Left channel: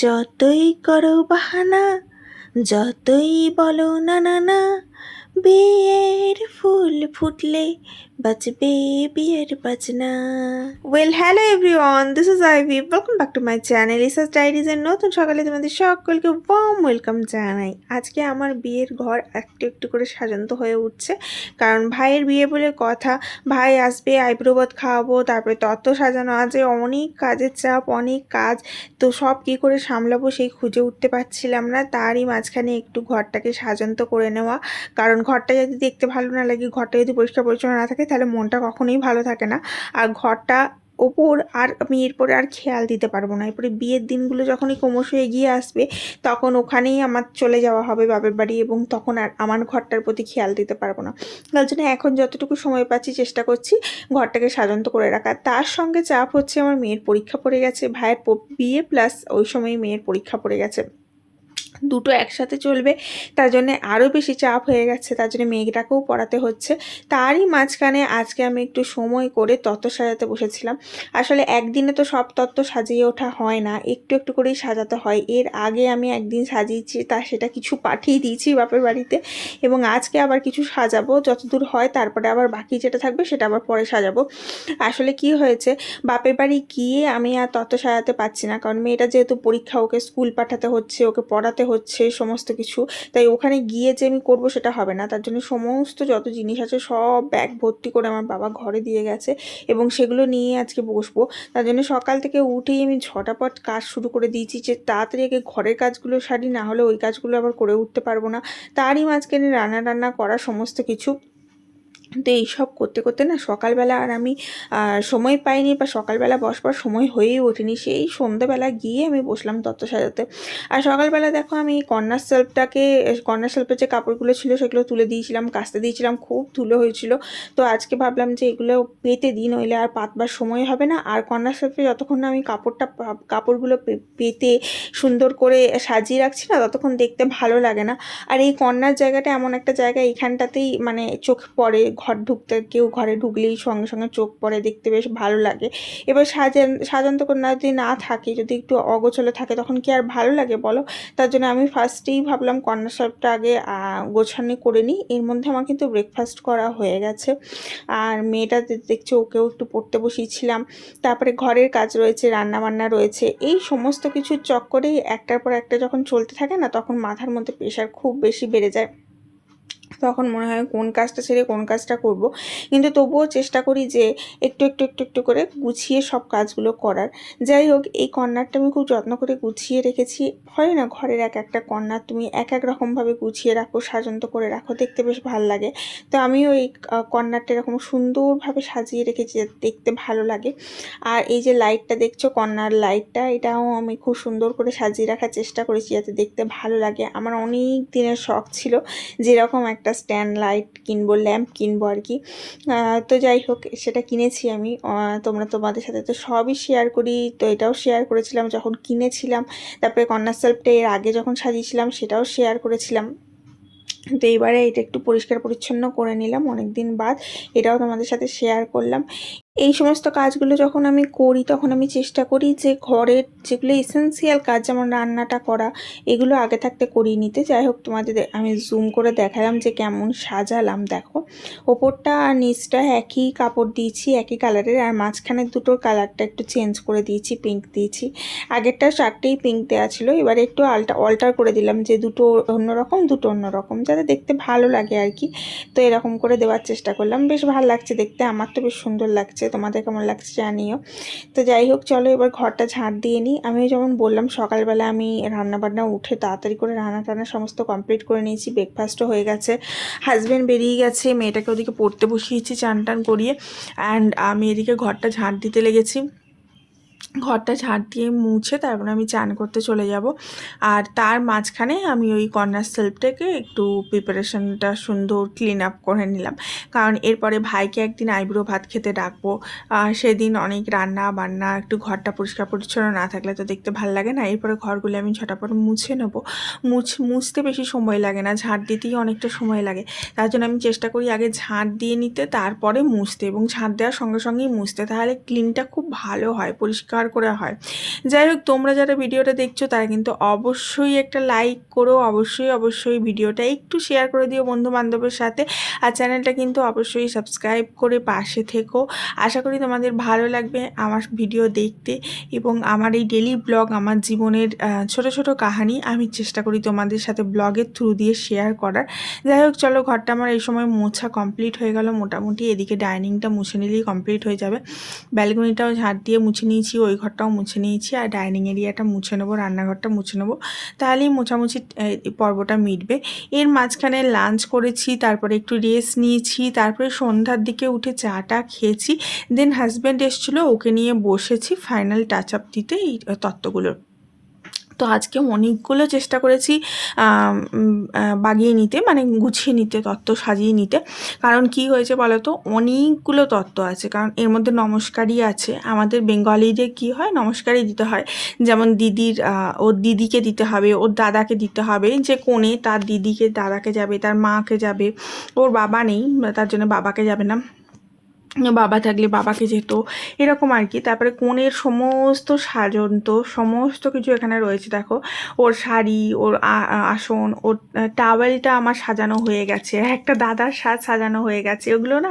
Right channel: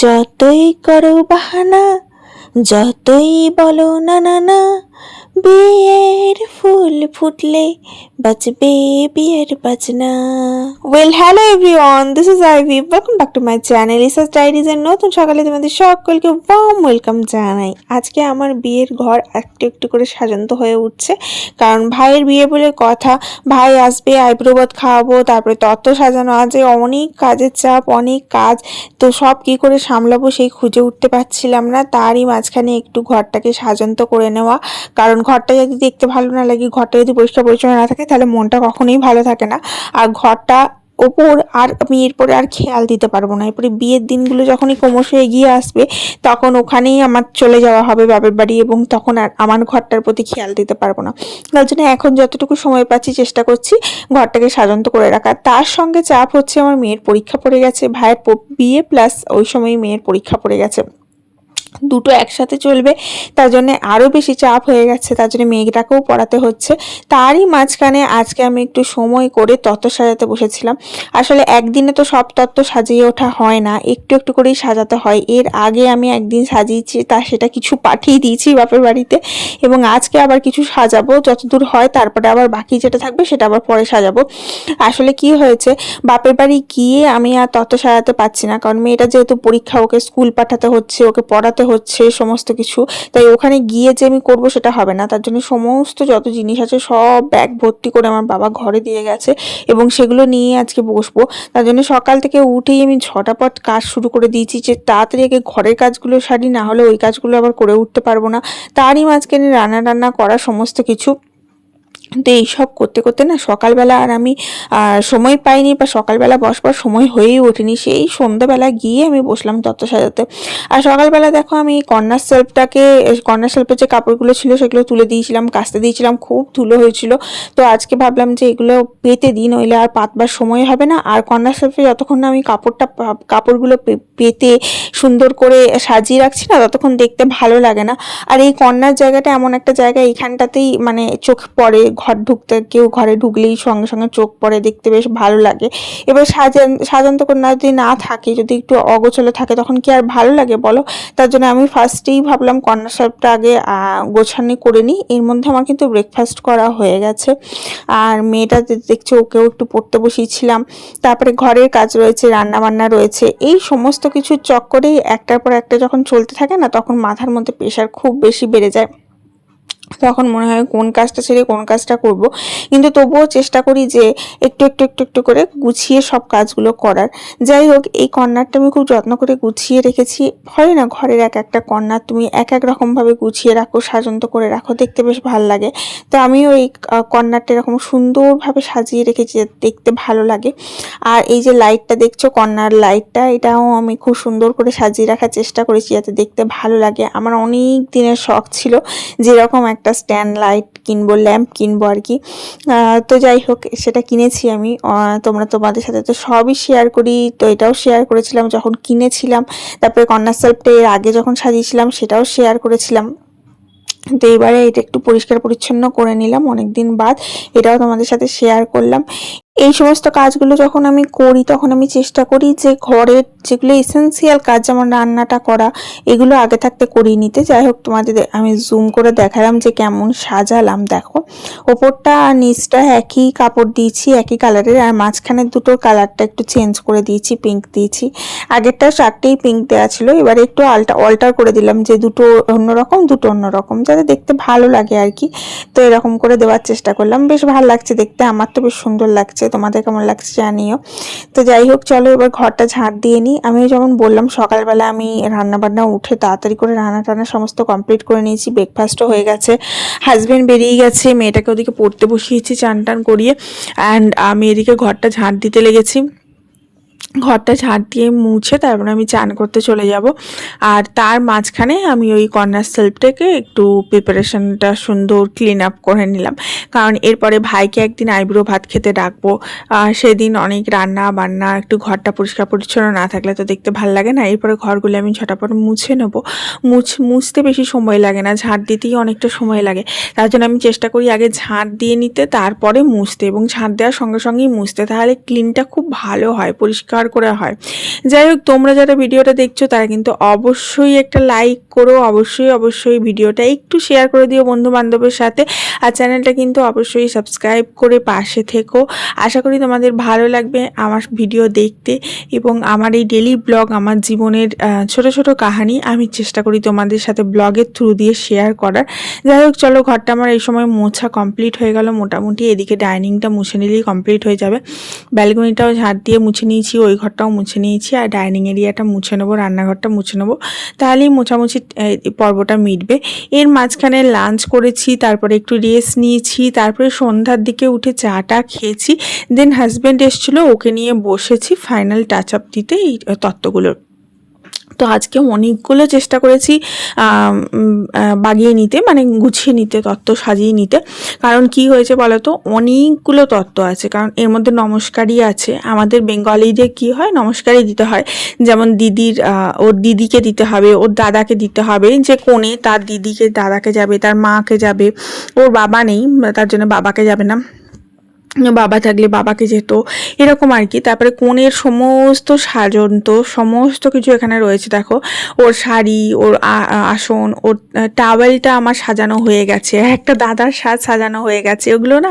যতই করো বাহানা, যতই বলো না না না, বিয়ের ফুল ফুটলে বাজবে বিয়ের বাজনা। Hello everyone, this is Ivy. Welcome back to my channel Isa's diaries এর নতুন সকালে তোমাদের সকলকে ওয়ার্ম ওয়েলকাম জানাই। আজকে আমার বিয়ের ঘর একটু একটু করে সাজান্ত হয়ে উঠছে, কারণ ভাইয়ের বিয়ে বলে কথা। ভাই আসবে, আইব্রোবাদ খাওয়াবো, তারপরে তত্ত্ব সাজানো আছে, অনেক কাজের চাপ, অনেক কাজ। তো সব কি করে সামলাবো সেই খুঁজে উঠতে পারছিলাম না। তারই মাঝখানে একটু ঘরটাকে সাজান্ত করে নেওয়া, কারণ ঘরটা যদি দেখতে ভালো না লাগে, ঘরটা যদি পরিষ্কার পরিচ্ছন্ন না থাকে, তাহলে মনটা কখনোই ভালো থাকে না। আর ঘরটা ওপর আর আমি এরপরে আর খেয়াল দিতে পারবো না। এরপরে বিয়ের দিনগুলো যখনই ক্রমশ এগিয়ে আসবে, তখন ওখানেই আমার চলে যাওয়া হবে বাপের বাড়ি, এবং তখন আর আমার ঘরটার প্রতি খেয়াল দিতে পারবো না। তার জন্য এখন যতটুকু সময় পাচ্ছি চেষ্টা করছি ঘরটাকে সাজান্ত করে রাখার। তার সঙ্গে চাপ হচ্ছে আমার মেয়ের পরীক্ষা পড়ে গেছে, ভাইয়ের বিয়ে প্লাস ওই সময় মেয়ের পরীক্ষা পড়ে গেছে, দুটো একসাথে চলবে। তার জন্য আরও বেশি চাপ হয়ে গেছে, তার জন্য মেয়েটাকেও পড়াতে হচ্ছে। তারই মাঝখানে আজকে আমি একটু সময় করে তত্ত্ব সাজাতে বসেছিলাম। আসলে একদিনে তো সব তত্ত্ব সাজিয়ে ওঠা হয় না, একটু একটু করেই সাজাতে হয়। এর আগে আমি একদিন সাজিয়েছি, সেটা কিছু পাঠিয়ে দিয়েছি বাপের বাড়িতে, এবং আজকে আবার কিছু সাজাবো যতদূর হয়, তারপরে আবার বাকি যেটা থাকবে সেটা আবার পরে সাজাবো। আসলে কি হয়েছে, বাপের বাড়ি গিয়ে আমি আর তত্ত্ব সাজাতে পারছি না, কারণ মেয়েটা যেহেতু পরীক্ষা, ওকে স্কুল পাঠাতে হচ্ছে, ওকে পড়াতে হচ্ছে সমস্ত কিছু। তাই ওখানে গিয়ে যে আমি করবো সেটা হবে না। তার জন্য সমস্ত যত জিনিস আছে সব ব্যাগ ভর্তি করে আমার বাবা ঘরে দিয়ে গেছে, এবং সেগুলো নিয়ে আজকে বসবো। তার জন্য সকাল থেকে উঠেই আমি ঝটাপট কাজ শুরু করে দিয়েছি, যে তাড়াতাড়ি আগে ঘরের কাজগুলো সারি, না হলে ওই কাজগুলো আবার করে উঠতে পারবো না। তারই মাঝখানে রান্না টান্না করা সমস্ত কিছু। তো এইসব করতে করতে না সকালবেলা আর আমি সময় পাইনি, বা সকালবেলা বসবার সময় হয়েই ওঠেনি। সেই সন্ধ্যাবেলা গিয়ে আমি বসলাম তত্ত্ব সাজাতে। আর সকালবেলা দেখো আমি কর্নার সেলফের যে কাপড়গুলো ছিল সেগুলো তুলে দিয়েছিলাম, কাচতে দিয়েছিলাম, খুব ধুলো হয়েছিল। তো আজকে ভাবলাম যে এগুলো পেতে দিই, নইলে আর পাতবার সময় হবে না। আর কর্নার সেলফে যতক্ষণ না আমি কাপড়গুলো পেতে সুন্দর করে সাজিয়ে রাখছি না, ততক্ষণ দেখতে ভালো লাগে না। আর এই কর্নার জায়গাটা এমন একটা জায়গা, এইখানটাতেই মানে চোখ পড়ে, ঘর ঢুকতে, কেউ ঘরে ঢুকলেই সঙ্গে সঙ্গে চোখ পড়ে, দেখতে বেশ ভালো লাগে। এবার সাজান্ত কন্যা যদি না থাকে, যদি একটু অগোছালো থাকে, তখন কি আর ভালো লাগে বলো? তার জন্য আমি ফার্স্টেই ভাবলাম কর্নার শেলফটা আগে গোছানি করে নিই। এর মধ্যে আমার কিন্তু ব্রেকফাস্ট করা হয়ে গেছে, আর মেয়েটা দেখছি ওকেও একটু পড়তে বসিয়েছিলাম। তারপরে ঘরের কাজ রয়েছে, রান্না বান্না রয়েছে, এই সমস্ত কিছুর চক্করেই একটার পর একটা যখন চলতে থাকে না, তখন মাথার মধ্যে প্রেশার খুব বেশি বেড়ে যায়। তখন মনে হয় কোন কাজটা ছেড়ে কোন কাজটা করব, কিন্তু তবুও চেষ্টা করি যে একটু একটু একটু একটু করে গুছিয়ে সব কাজগুলো করার। যাই হোক, এই কর্নারটা আমি খুব যত্ন করে গুছিয়ে রেখেছি। হয় না, ঘরের এক একটা কর্নার তুমি এক এক রকমভাবে গুছিয়ে রাখো, সাজন্ত করে রাখো, দেখতে বেশ ভালো লাগে। তো আমিও এই কর্নারটা এরকম সুন্দরভাবে সাজিয়ে রেখেছি, দেখতে ভালো লাগে। আর এই যে লাইটটা দেখছো, কর্নার লাইটটা, এটাও আমি খুব সুন্দর করে সাজিয়ে রাখার চেষ্টা করেছি যাতে দেখতে ভালো লাগে। আমার অনেক দিনের শখ ছিল যেরকম একটা স্ট্যান্ড লাইট কিনবো, ল্যাম্প কিনবো আর কি। তো যাই হোক, সেটা কিনেছি আমি। তোমাদের সাথে তো সবই শেয়ার করি, তো এটাও শেয়ার করেছিলাম যখন কিনেছিলাম। তারপরে কর্নার সেলফটা এর আগে যখন সাজিয়েছিলাম সেটাও শেয়ার করেছিলাম। তো এবারে এটা একটু পরিষ্কার পরিচ্ছন্ন করে নিলাম অনেকদিন বাদ, এটাও তোমাদের সাথে শেয়ার করলাম। এই সমস্ত কাজগুলো যখন আমি করি, তখন আমি চেষ্টা করি যে ঘরের যেগুলো এসেন্সিয়াল কাজ, যেমন রান্নাটা করা, এগুলো আগে থাকতে করিয়ে নিতে। যাই হোক, তোমাদের আমি জুম করে দেখালাম যে কেমন সাজালাম। দেখো, ওপরটা আর নিচটা একই কাপড় দিয়েছি, একই কালারের, আর মাঝখানের দুটোর কালারটা একটু চেঞ্জ করে দিয়েছি, পিঙ্ক দিয়েছি। আগেরটা চারটেই পিঙ্ক দেওয়া ছিল, এবারে একটু অল্টার করে দিলাম, যে দুটো অন্যরকম, দুটো অন্যরকম, যাতে দেখতে ভালো লাগে আর কি। তো এরকম করে দেওয়ার চেষ্টা করলাম, বেশ ভালো লাগছে দেখতে, আমার তো বেশ সুন্দর লাগছে। তোমাদের কেমন লাগছে জানিও। তো যাই হোক, চলো এবার ঘরটা ঝাড় দিয়ে নিই। আমি যেমন বললাম, সকালবেলা আমি রান্না বান্না উঠে তাড়াতাড়ি করে রান্না টান্না সমস্ত কমপ্লিট করে নিয়েছি, ব্রেকফাস্টও হয়ে গেছে, হাজব্যান্ড বেরিয়ে গেছে, মেয়েটাকে ওদিকে পড়তে বসিয়েছি চান টান করিয়ে, অ্যান্ড আমি এদিকে ঘরটা ঝাড় দিতে লেগেছি। ঘরটা ঝাড় দিয়ে মুছে তারপরে আমি চান করতে চলে যাব। আর তার মাঝখানে আমি ওই কর্নার সেলফটাকে একটু প্রিপারেশনটা সুন্দর ক্লিন আপ করে নিলাম, কারণ এরপরে ভাইকে একদিন আইব্রো ভাত খেতে ডাকবো। সেদিন অনেক রান্না বান্না, একটু ঘরটা পরিষ্কার পরিচ্ছন্ন না থাকলে তো দেখতে ভালো লাগে না। এরপরে ঘরগুলো আমি ঝটাপট মুছে নেবো। মুছতে বেশি সময় লাগে না, ঝাড় দিতেই অনেকটা সময় লাগে। তার জন্য আমি চেষ্টা করি আগে ঝাড় দিয়ে নিতে, তারপরে মুছতে, এবং ঝাড় দেওয়ার সঙ্গে সঙ্গেই মুছতে, তাহলে ক্লিনটা খুব ভালো হয়, পরিষ্কার উপকার করে হয়। যাই হোক, তোমরা যারা ভিডিওটা দেখছো তারা কিন্তু অবশ্যই একটা লাইক করো, অবশ্যই ভিডিওটা একটু শেয়ার করে দিও বন্ধু বান্ধবের সাথে, আর চ্যানেলটা কিন্তু অবশ্যই সাবস্ক্রাইব করে পাশে থেকো। আশা করি তোমাদের ভালো লাগবে আমার ভিডিও দেখতে, এবং আমার এই ডেলি ব্লগ, আমার জীবনের ছোট ছোট কাহিনী আমি চেষ্টা করি তোমাদের সাথে ব্লগের থ্রু দিয়ে শেয়ার করার। যাই হোক, চলো, ঘরটা আমার এই সময় মোছা কমপ্লিট হয়ে গেল মোটামুটি। এদিকে ডাইনিংটা মুছে নিলেই কমপ্লিট হয়ে যাবে। ব্যালকনিটাও ঝাড় দিয়ে মুছে নিয়েছি, ওই ঘরটাও মুছে নিয়েছি, আর ডাইনিং এরিয়াটা মুছে নেবো, রান্নাঘরটা মুছে নেবো, তাহলেই মোছামুছি পর্বটা মিটবে। এর মাঝখানে লাঞ্চ করেছি, তারপরে একটু রেস্ট নিয়েছি, তারপরে সন্ধ্যার দিকে উঠে চাটা খেয়েছি। দেন হাজব্যান্ড এসেছিলো, ওকে নিয়ে বসেছি ফাইনাল টাচ আপ দিতে এই তত্ত্বগুলোর। তো আজকে অনেকগুলো চেষ্টা করেছি বাগিয়ে নিতে, মানে গুছিয়ে নিতে, তত্ত্ব সাজিয়ে নিতে। কারণ কি হয়েছে বলো তো, অনেকগুলো তত্ত্ব আছে, কারণ এর মধ্যে নমস্কারই আছে। আমাদের বেঙ্গলিদের কি হয়, নমস্কারই দিতে হয়। যেমন দিদির ওর দিদিকে দিতে হবে, ওর দাদাকে দিতে হবে, যে কোণে তার দিদিকে দাদাকে যাবে, তার মাকে যাবে, ওর বাবা নেই তার জন্য বাবাকে যাবে না, বাবা থাকলে বাবাকে যেত, এরকম আর কি। তারপরে কনের সমস্ত সাজন্ত সমস্ত কিছু এখানে রয়েছে। দেখো, ওর শাড়ি, ওর আসন, ওর টাওয়েলটা আমার সাজানো হয়ে গেছে, একটা দাদার সাজ সাজানো হয়ে গেছে। ওগুলো না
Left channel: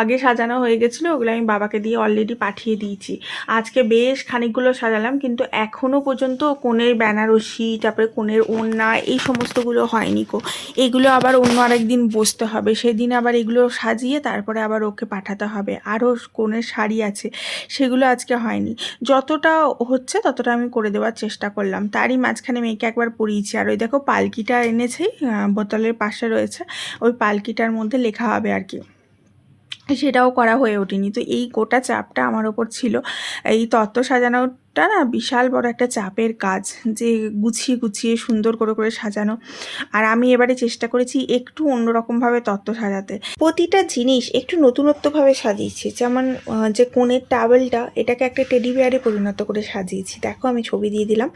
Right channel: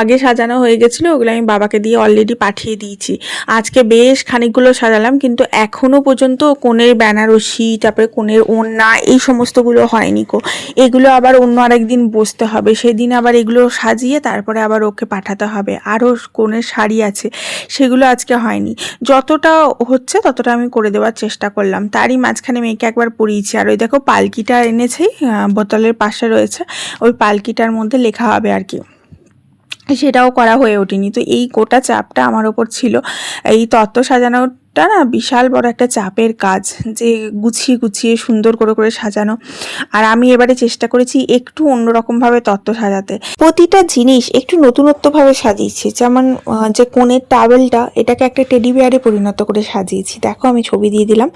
আগে সাজানো হয়ে গেছিলো, ওগুলো আমি বাবাকে দিয়ে অলরেডি পাঠিয়ে দিয়েছি। আজকে বেশ খানিকগুলো সাজালাম, কিন্তু এখনও পর্যন্ত কনের বেনারসি, তারপরে কনের ওড়না, এই সমস্তগুলো হয়নি কো। এগুলো আবার অন্য আরেকদিন বসতে হবে, সেদিন আবার এগুলো সাজিয়ে তারপরে আবার ওকে পাঠাতে হবে। আরও কনের শাড়ি আছে, সেগুলো আজকে হয়নি। যতটা হচ্ছে ততটা আমি করে দেওয়ার চেষ্টা করলাম। তারই মাঝখানে মেয়েকে একবার পরিয়েছি। আর ওই দেখো পালকিটা এনেছি, বোতলের পাশে রয়েছে, ওই পালকিটার মধ্যে লেখা হবে আর কি, সেটাও করা হয়ে ওঠেনি। তো এই গোটা চাপটা আমার ওপর ছিল। এই তত্ত্ব সাজানোটা না বিশাল বড় একটা চাপের কাজ, যে গুছিয়ে গুছিয়ে সুন্দর করে করে সাজানো। আর আমি এবারে চেষ্টা করেছি একটু অন্যরকমভাবে তত্ত্ব সাজাতে, প্রতিটা জিনিস একটু নতুনত্বভাবে সাজিয়েছি। যেমন যে কোণের টাওয়েলটা, এটাকে একটা টেডি বিয়ারে পরিণত করে সাজিয়েছি। দেখো, আমি ছবি দিয়ে দিলাম,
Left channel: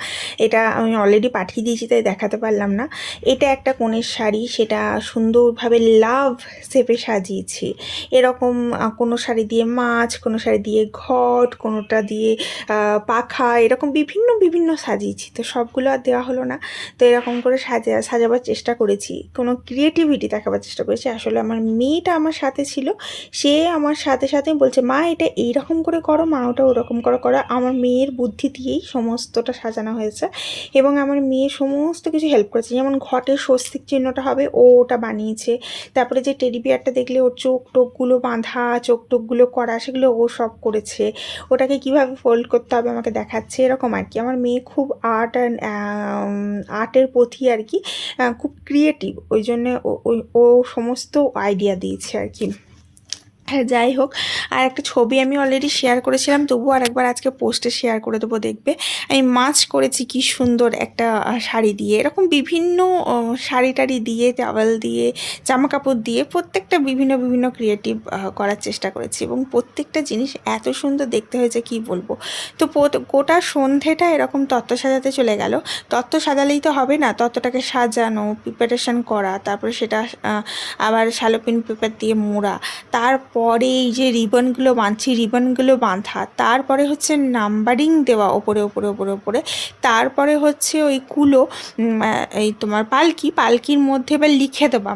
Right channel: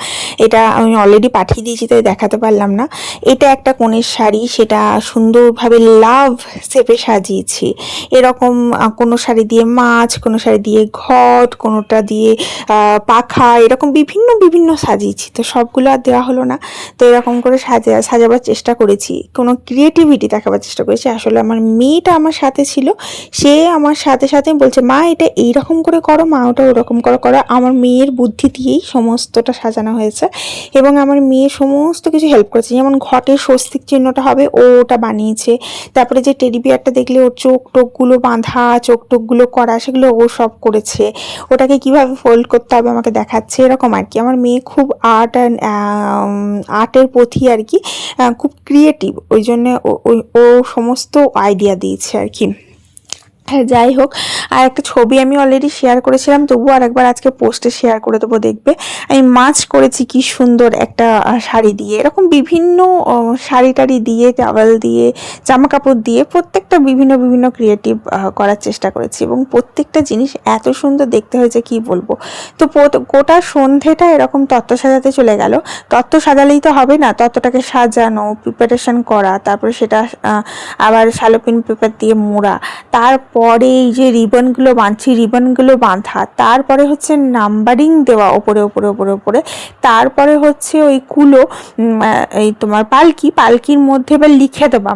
এটা আমি অলরেডি পাঠিয়ে দিয়েছি তাই দেখাতে পারলাম না। এটা একটা কোণের শাড়ি, সেটা সুন্দরভাবে লাভ শেপে সাজিয়েছি। এরকম কোনো শাড়ি দিয়ে মাছ, কোনো শাড়ি দিয়ে ঘট, কোনোটা দিয়ে পাখা, এরকম বিভিন্ন বিভিন্ন সাজিয়েছি। তো সবগুলো আর দেওয়া হলো না, তো এরকম করে সাজাবার চেষ্টা করেছি, কোনো ক্রিয়েটিভিটি দেখাবার চেষ্টা করেছি। আসলে আমার মেয়েটা আমার সাথে ছিল, সে আমার সাথে সাথে বলছে, মা এটা এইরকম করে করো, মা ওটা ওরকম করে করো। আমার মেয়ের বুদ্ধি দিয়েই সমস্তটা সাজানো হয়েছে, এবং আমার মেয়ে সমস্ত কিছু হেল্প করেছে। যেমন ঘটের স্বস্তিক চিহ্নটা হবে, ও ওটা বানিয়েছে। তারপরে যে টেডি বিয়ারটা দেখলে ওর চোখ টোকগুলো বাঁধা, চোখ টোকগুলো করা, সেগুলো ও সব করেছে। ওটাকে কিভাবে ফোল্ড করতে হবে আমাকে দেখাচ্ছে, এরকম আর কি। আমার মেয়ে খুব আর্টের প্রতি আর কি খুব ক্রিয়েটিভ, ওই জন্য ও সমস্ত আইডিয়া দিয়েছে আর কি। হ্যাঁ, যাই হোক, আর একটা ছবি আমি অলরেডি শেয়ার করেছিলাম, তবুও আরেকবার আজকে পোস্টে শেয়ার করে দেবো, দেখবে। আমি মাছ করেছি কি সুন্দর একটা শাড়ি দিয়ে, এরকম বিভিন্ন শাড়ি টাড়ি দিয়ে, টাওয়েল দিয়ে, জামা কাপড় দিয়ে, প্রত্যেকটা বিভিন্ন বিভিন্ন ক্রিয়েটিভ করার চেষ্টা করেছি, এবং প্রত্যেকটা জিনিস এত সুন্দর দেখতে হয়েছে কি বলবো। তো গোটা সন্ধেটা এরকম তত্ত্ব সাজাতে চলে গেল। তত্ত্ব সাজালেই তো হবে না, তত্ত্বটাকে সাজানো, প্রিপারেশন করা, তারপরে সেটা আবার শালোপিন পেপার দিয়ে মোড়া, তারপরে এই যে রিবনগুলো বাঁধছি, রিবনগুলো বাঁধা, তারপরে হচ্ছে নাম্বারিং দেওয়া ওপরে ওপরে ওপরে ওপরে, তারপরে হচ্ছে ওই কুলো, এই তোমার পালকির মধ্যে এবার লিখে দেওয়া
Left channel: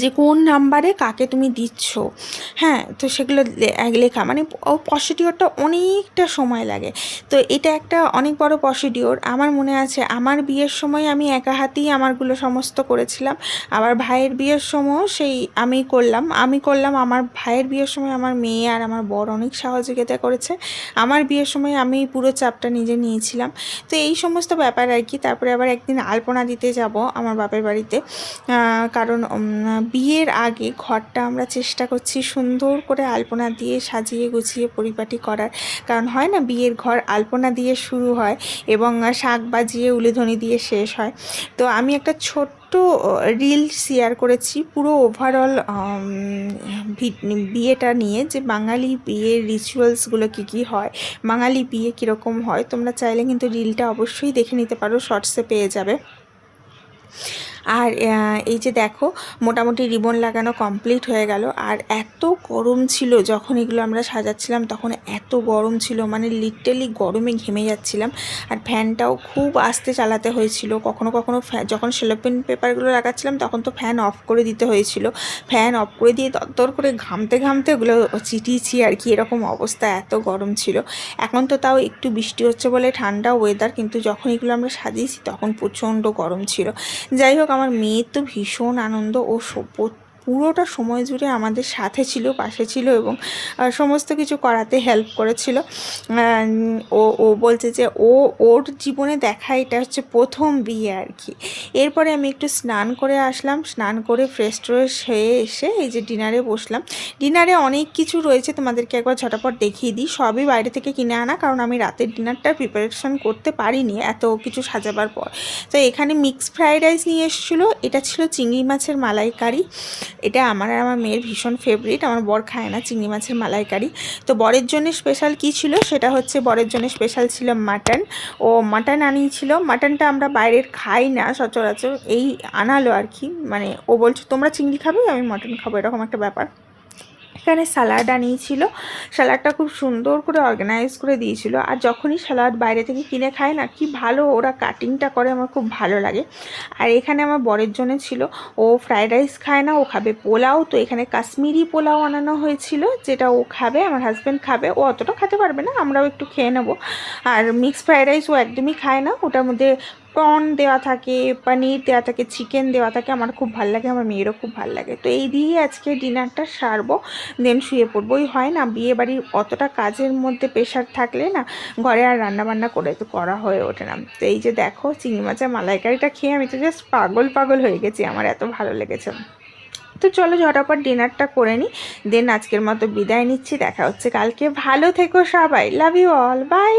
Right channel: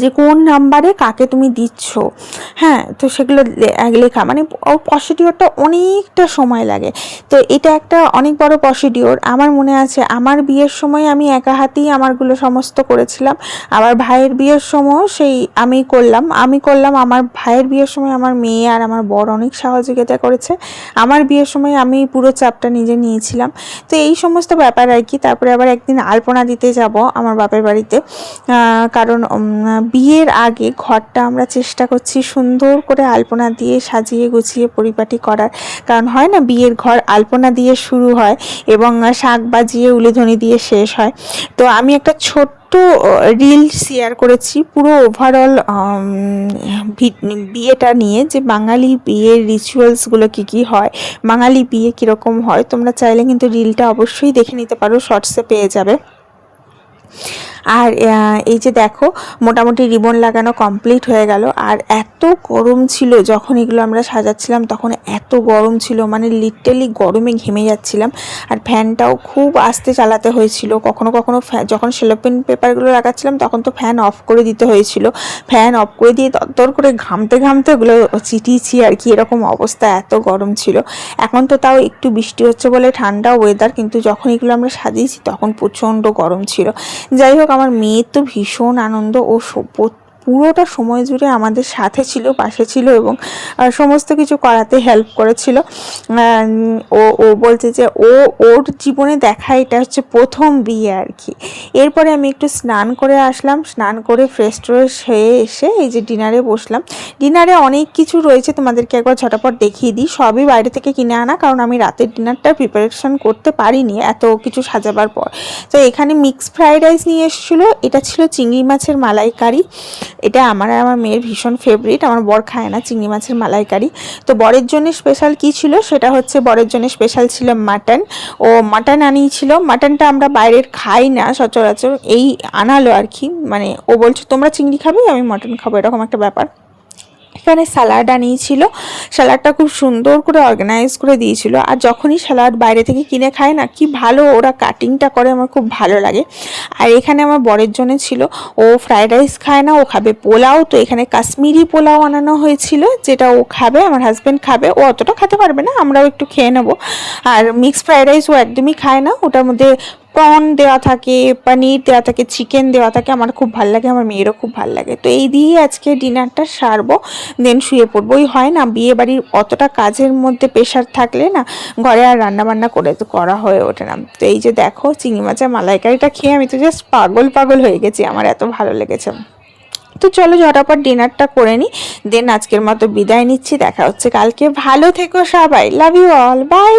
যে কোন নাম্বারে কাকে তুমি দিচ্ছ। হ্যাঁ, তো সেগুলো লেখা, মানে ওর প্রসিডিওরটা অনেকটা সময় লাগে। তো এটা একটা অনেক বড় প্রসিডিওর। আমার মনে আছে আমার বিয়ের সময় আমি একা হাতেই আমারগুলো সমস্ত করেছিলাম। আবার ভাইয়ের বিয়ের সময়ও সেই আমি করলাম। আমার ভাইয়ের বিয়ের সময় আমার মেয়ে আর আমার বর অনেক সহযোগিতা করেছে। আমার বিয়ের সময় আমি পুরো চাপটা নিজে নিয়েছিলাম। তো এই সমস্ত ব্যাপার আর কি। তারপরে আবার একদিন আলপনা দিতে যাব আমার বাপের বাড়িতে, কারণ বিয়ের আগে ঘরটা আমরা চেষ্টা করছি সুন্দর করে আলপনা দিয়ে সাজিয়ে গুছিয়ে পরিপাটি করার। কারণ হয় না, বিয়ের ঘর আলপনা দিয়ে শুরু হয় এবং শাঁখ বাজিয়ে উলুধ্বনি দিয়ে শেষ হয়। তো আমি একটা ছোট্ট রিল শেয়ার করেছি পুরো ওভারঅল বিয়েটা নিয়ে, যে বাঙালি বিয়ের রিচুয়ালসগুলো কী কী হয়, বাঙালি বিয়ে কীরকম হয়। তোমরা চাইলে কিন্তু রিলটা অবশ্যই দেখে নিতে পারো, শর্টসে পেয়ে যাবে। আর এই যে দেখো মোটামুটি রিবন লাগানো কমপ্লিট হয়ে গেল। আর এত গরম ছিল যখন এগুলো আমরা সাজাচ্ছিলাম, তখন এত গরম ছিল, মানে লিটারালি গরমে ঘেমে যাচ্ছিলাম। আর ফ্যানটাও খুব আস্তে চালাতে হয়েছিল, কখনো কখনো যখন সেলোপেন পেপারগুলো লাগাচ্ছিলাম তখন তো ফ্যান অফ করে দিতে হয়েছিল। ফ্যান অফ করে দিয়ে দরদর করে ঘামতে ঘামতে ওগুলো চিটিয়েছি আর কি, এরকম অবস্থা, এত গরম ছিল। এখন তো তাও একটু বৃষ্টি হচ্ছে বলে ঠান্ডা ওয়েদার, কিন্তু যখন এগুলো আমরা সাজিয়েছি তখন প্রচণ্ড গরম ছিল। যাই হোক, আমার মেয়ের তো ভীষণ আনন্দ, ও পুরোটা সময় জুড়ে আমাদের সাথে ছিল, পাশে ছিল এবং সমস্ত কিছু করাতে হেল্প করেছিল। ও ও বলছে যে ওর জীবনে দেখা এটা হচ্ছে প্রথম বিয়ে আর কি। এরপরে আমি একটু স্নান করে আসলাম, স্নান করে ফ্রেশ ট্রেশ হয়ে এসে এই যে ডিনারে বসলাম। ডিনারে অনেক কিছু রয়েছে, তোমাদেরকে একবার ঝটাপট দেখিয়ে দিই। সবই বাইরে থেকে কিনে আনা, কারণ আমি রাতের ডিনারটা প্রিপারেশন করতে পারিনি এত কিছু সাজাবার পর। তো এখানে মিক্স ফ্রাইড রাইস নিয়ে এসেছিলো, এটা ছিল চিংড়ি মাছের মালাইকারি। এটা আমার আর আমার মেয়ের ভীষণ ফেভারিট, আমার বর খায় না চিংড়ি মাছের মালাইকারি। তো বরের জন্য স্পেশাল কী ছিল, সেটা হচ্ছে বরের জন্য স্পেশাল ছিল মাটন। ও মাটন আনিয়েছিল, মাটনটা আমরা বাইরের খাই না সচরাচর, এই আনালো আর কি। মানে ও বলছে তোমরা চিংড়ি খাবে, আমি মাটন খাবো, এরকম একটা ব্যাপার। এখানে স্যালাড আনিয়েছিল, স্যালাডটা খুব সুন্দর করে অর্গানাইজ করে দিয়েছিল। আর যখনই স্যালাড বাইরে থেকে কিনে খায় না, কি ভালো ওরা কাটিংটা করে, আমার খুব ভালো লাগে। আর এখানে আমার বরের জন্য ছিল, ও ফ্রাইড রাইস খায় না, ও খাবে পোলাও। তো এখানে কাশ্মীরি পোলাও আনানো হয়েছিল, যেটা ও খাবে, আমার হাজব্যান্ড খাবে, ও অতটা খেতে পারবে না, আমরাও একটু খেয়ে নেবো। আর মিক্সড ফ্রাইড রাইস ও একদমই খায় না, ওটার মধ্যে প্রন দেওয়া থাকে, পনির দেওয়া থাকে, চিকেন দেওয়া থাকে, আমার খুব ভালো লাগে, আমার মেয়েরও খুব ভালো লাগে। তো এই দিয়ে আজকে ডিনারটা সারবো, দেন শুয়ে পড়বো। ওই হয় না বিয়ে বাড়ির অতটা কাজের মধ্যে প্রেশার থাকলে না ঘরে আর রান্নাবান্না করা হয়ে ওঠে না। তো এই যে দেখো চিংড়ি মাছের মালাইকারিটা খেয়ে আমি তো জাস্ট পাগল হয়ে গেছি, আমার এত ভালো লেগেছে। তো চলো ঝটাপট ডিনারটা করে নিই, দেন আজকের মতো বিদায় নিচ্ছি। দেখা হচ্ছে কালকে, ভালো থেকো সবাই, লাভ ইউ অল, বাই।